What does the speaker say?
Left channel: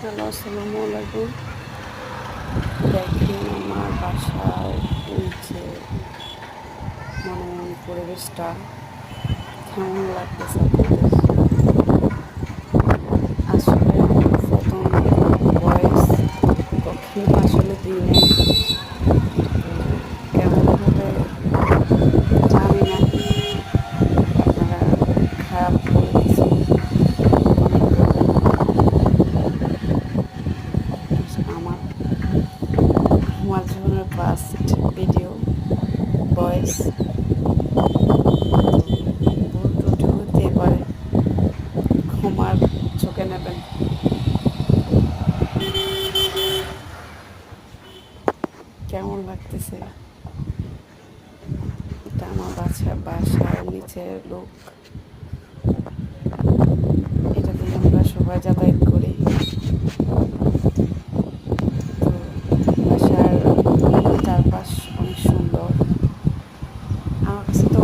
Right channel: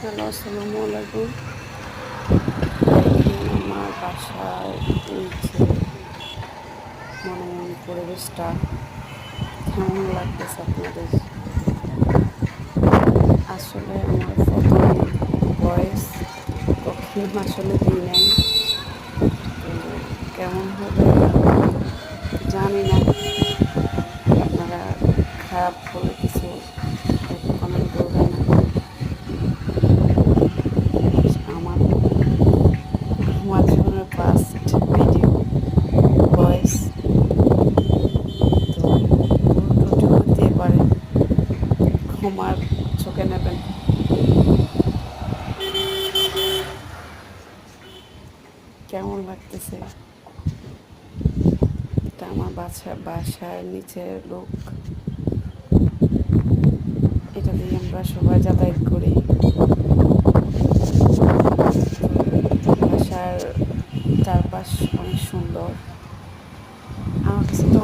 Hello, আসসালামু আলাইকুম। দেখেন আমার বাসার নিচে মনোরম পরিবেশটা কেমন লাগতেছে আপনাদের। আসলে আমার প্রথম ভয়েস কখনো আসলে দিই নাই, তো কেমন হবে জানি না। আপনারা খারাপ বলে কিছু কমেন্ট করবেন না। আমার আমার জীবনের ফার্স্ট ভিডিও ভয়েস, তো ভুল ত্রুটি হতে পারে, ক্ষমার চোখে নেবেন। কেমন লাগতেছে এটা আমার বাসার নিচের লোক, এটা দিয়ে আমরা সবাই যাতায়াত করি। তো বাসার চারপাশ অনেক সুন্দর, আমার কাছে তো